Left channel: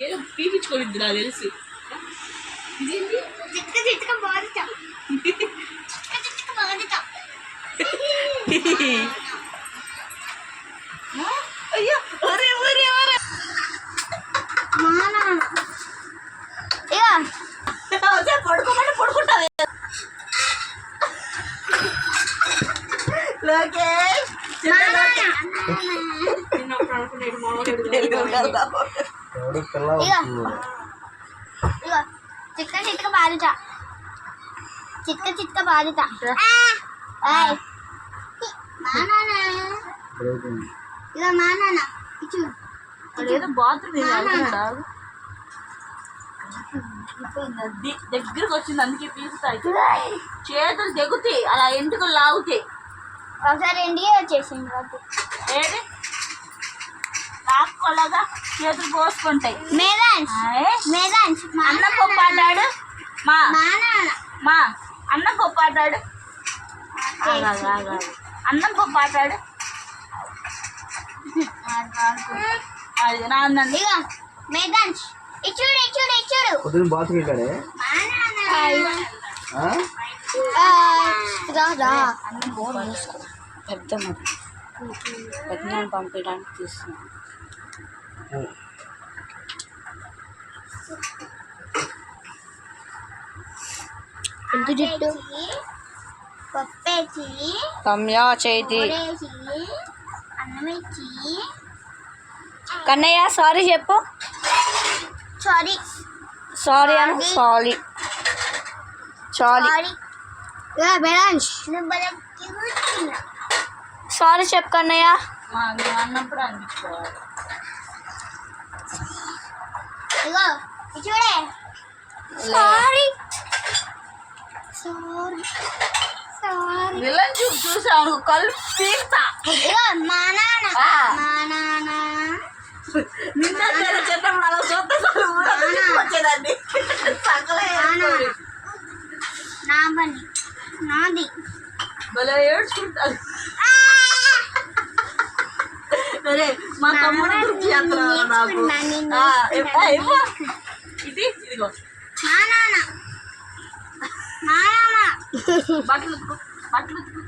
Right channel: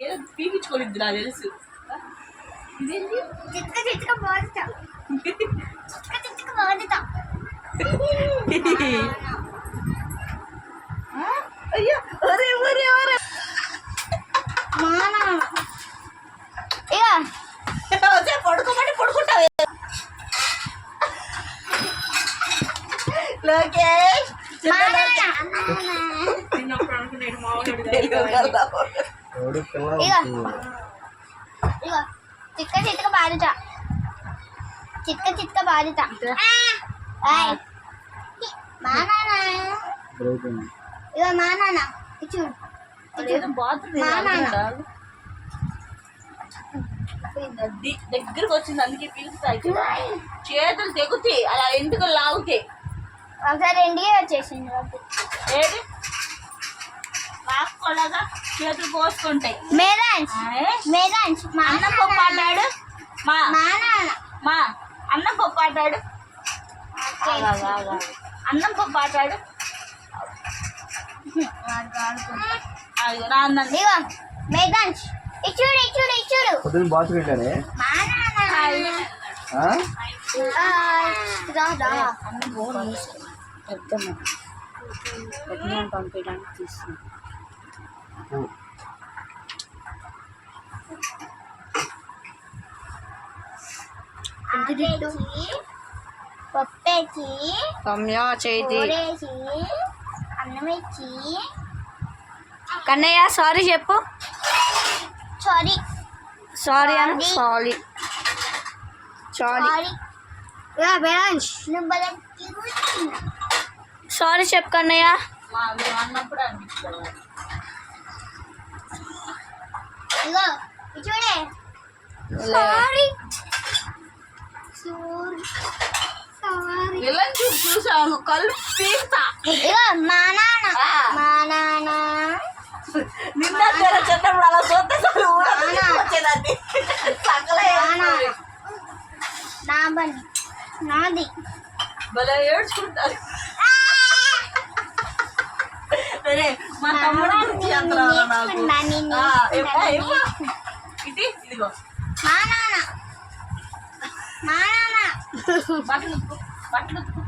పీపించుకోలేదు నాకు తెలుసు. అయ్యో ఒరే ఒరే ఒరే పడుకోమంటే పడుకుంటావు. లోకేష్ చిన్నప్పుడు అనుకున్నాడు మామూలు చిట్క చిట్క బాధిత చిట్క చిట్క బాధిత ఇక మా నాన్న చూడు ఏదో బాత్రూమ్ దగ్గరకు వచ్చింది అందుకే పీలుస్తాయి. చేతులు తెగుతాయి అలా ఎంటుకలు లాగుతాయి. ఒకసారి ఎండిగే వచ్చేసింది ఏది లాక్కోలాగా చేతులు పోసుకుంటాయి. అన్నం పప్పు ఆడాడు మా అన్నం పప్పు ఆడాడు అన్నం పప్పు ఆడాడు అది నాందండి. మేదాన్స్ ఇచ్చుడు ఇచ్చుడు ఇచ్చుడు పొద్దున బాత్రూమ్ వెళ్ళాడే అన్నం బోర్ మూసుకో పెద్ద పెద్దనాన్ని పంపించడానికి తీస్తున్నాను. పప్పేసి రమ్య చేతి అన్నం ఇచ్చి కన్నయ్య సారీ చెప్పు. సారీ సారీ అను సారీ సారీ సారీ చెప్పు కన్నయ్య. మేము అన్నప్పుడు అనిపించుకోవాలి. ఇగో చూడే సారీ సారీ సారీ విలన్ చూసాను కళ్ళు పీస్తా. ఇగో మా నాన్న నిన్న చిన్నప్పుడు అలా చూస్తే వచ్చేదాన్ని నా బండి నాది భలే ఏడ్చుకుంటారు. అరే మా తమ్ముడు గురించి అంటున్నావా నాకు? ఇది ఇదిగో బట్టలు ఉతుకు బట్టలు ఉతుకు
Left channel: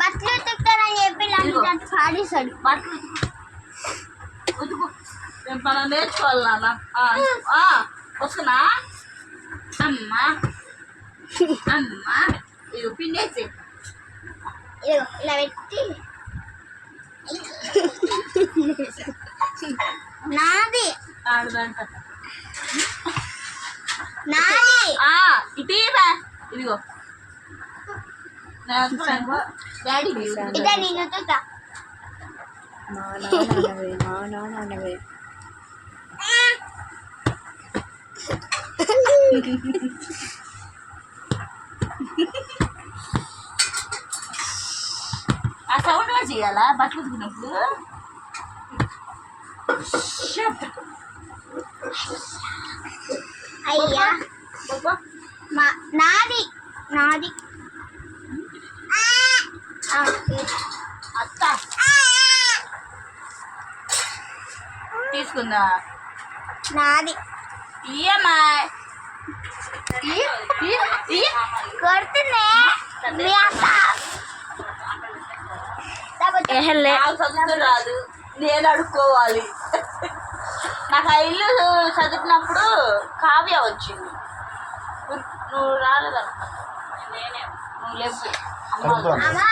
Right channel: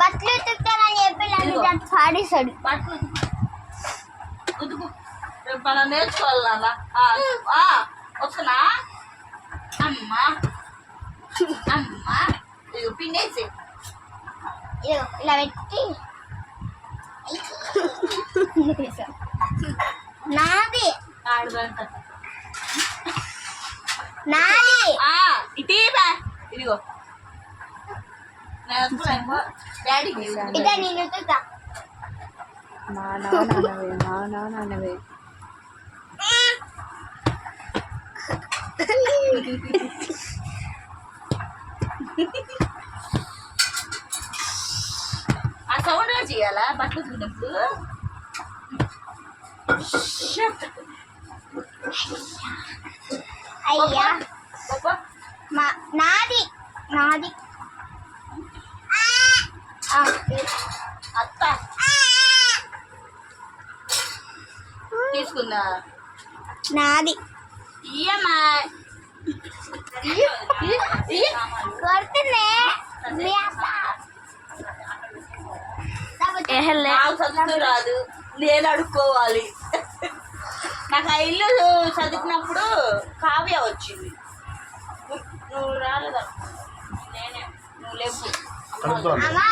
బట్టలు ఉతుకుతారని చెప్పి పాడేశాడు. బట్టలు ఉతుకు రేపు మనం నేర్చుకోవాలి నాన్న. వస్తున్నా అమ్మా అమ్మా ఇదిగో పిండేసి ఇదిగో ఇలా పెట్టి నాది ఆడదంట నాది ఇటీవా ఇదిగో డాడీ ఇదే నేను ఉతుకుతా. మా నాన్నవే మా నాన్నవే ఆ సౌండ్ గా చేయాలా బట్టలు ఉతుకున్నప్పుడు? అయ్యా నాది నాది అత్త తీసుకుందా నాది ఇయ్యమ్మా కొడుతున్నా నాకు చదువుతూ రాదు, నేను అడుక్కోవాలి. నాకు ఆ ఇల్లు చదువుకున్నప్పుడు కావ్య వచ్చింది. నువ్వు రాలేదనుకున్నా నేనే నువ్వు లేవు అమ్మా